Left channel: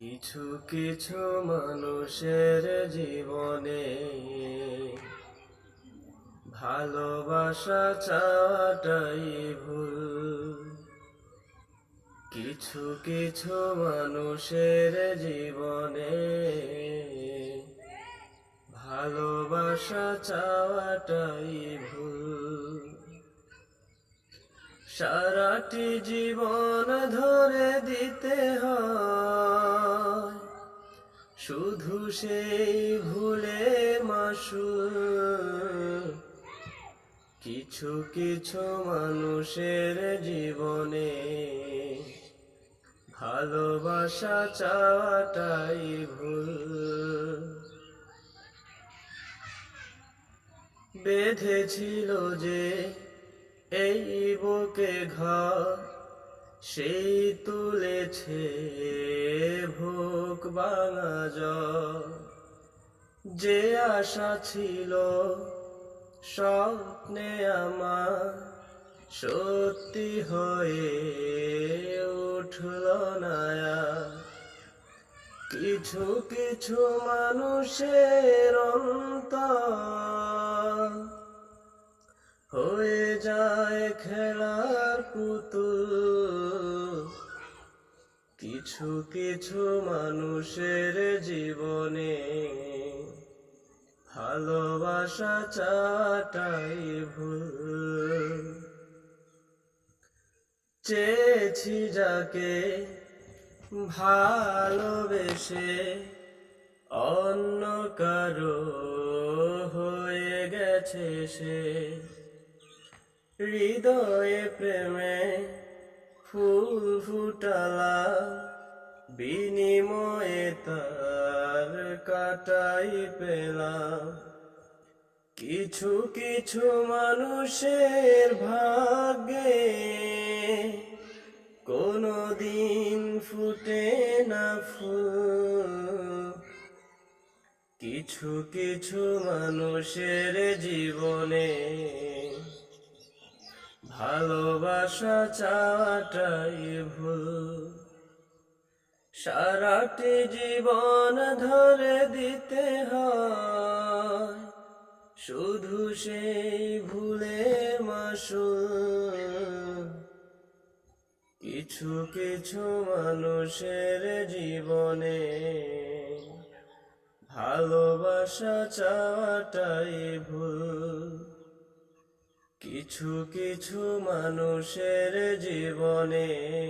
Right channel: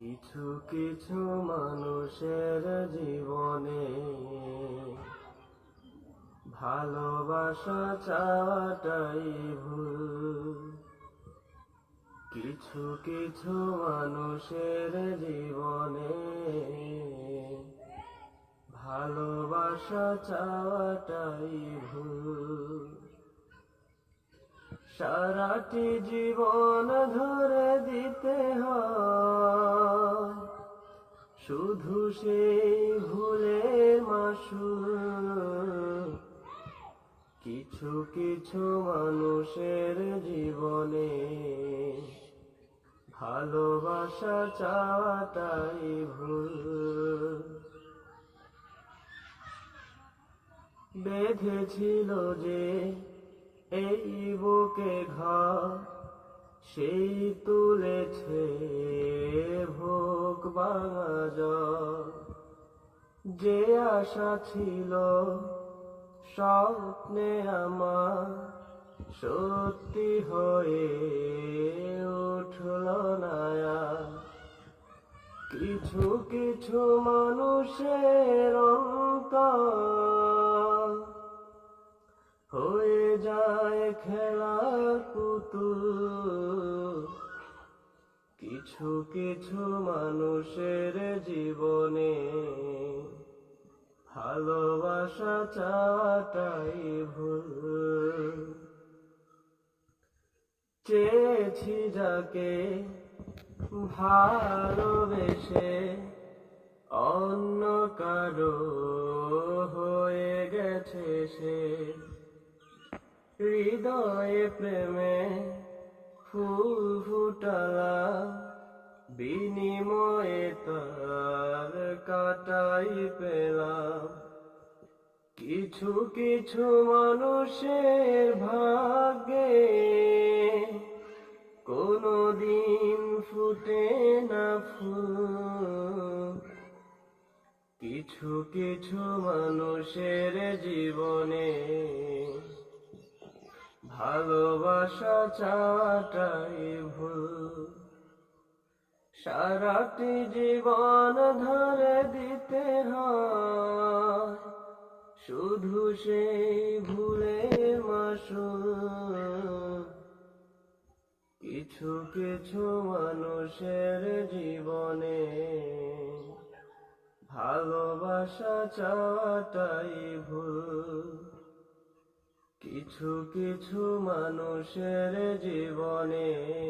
কিছু কিছু মানুষের জীবনে ভালোবাসা চাওয়াটাই ভুল। কিছু কিছু মানুষের জীবনে ভালোবাসা চাওয়াটাই ভুল। সারাটি জীবন ধরে দিতে হয় শুধু সেই ভুলের মাসুল। কিছু কিছু মানুষের জীবনে ভালোবাসা চাওয়াটাই ভুল। বেঁধেছিল যে এই বুকে ঘর, সেই তুলেছে ভোগ ভাঙা জ্বর। যে আশা ছিল স্বপ্নে আমার, সত্যি হয়ে উঠল না আর। কিছু কিছু মানুষের অন্তর হয়ে যায় খেলার পুতুল। কিছু কিছু মানুষের জীবনে ভালোবাসা চাওয়াটাই ভুল। চেয়েছি যাকে ভালোবেসে অন্য কারো হয়ে গেছে সে। হৃদয়ে প্রেমে ফুল ফুটালা, বিনিময়ে তার কাটাই পেলাম। কিছু কিছু মানুষের ভাগ্যে কোনো দিন ফুটে না ফুল। কিছু কিছু মানুষের জীবনে ভালোবাসা চাওয়াটাই ভুল। সারাটি জীবন ধরে দিতে হয় শুধু সেই ভুলের মাসুল। কিছু কিছু মানুষের জীবনে ভালোবাসা চাওয়াটাই ভুল। কিছু কিছু মানুষের জীবনে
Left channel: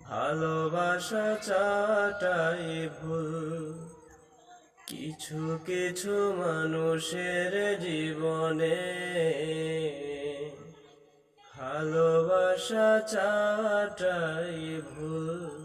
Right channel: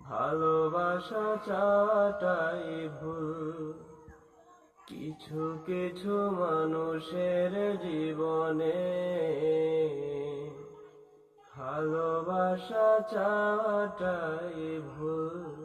ভালোবাসা চাওয়াটাই ভুল। কিছু কিছু মানুষের জীবনে ভালোবাসা চাওয়াটাই ভুল।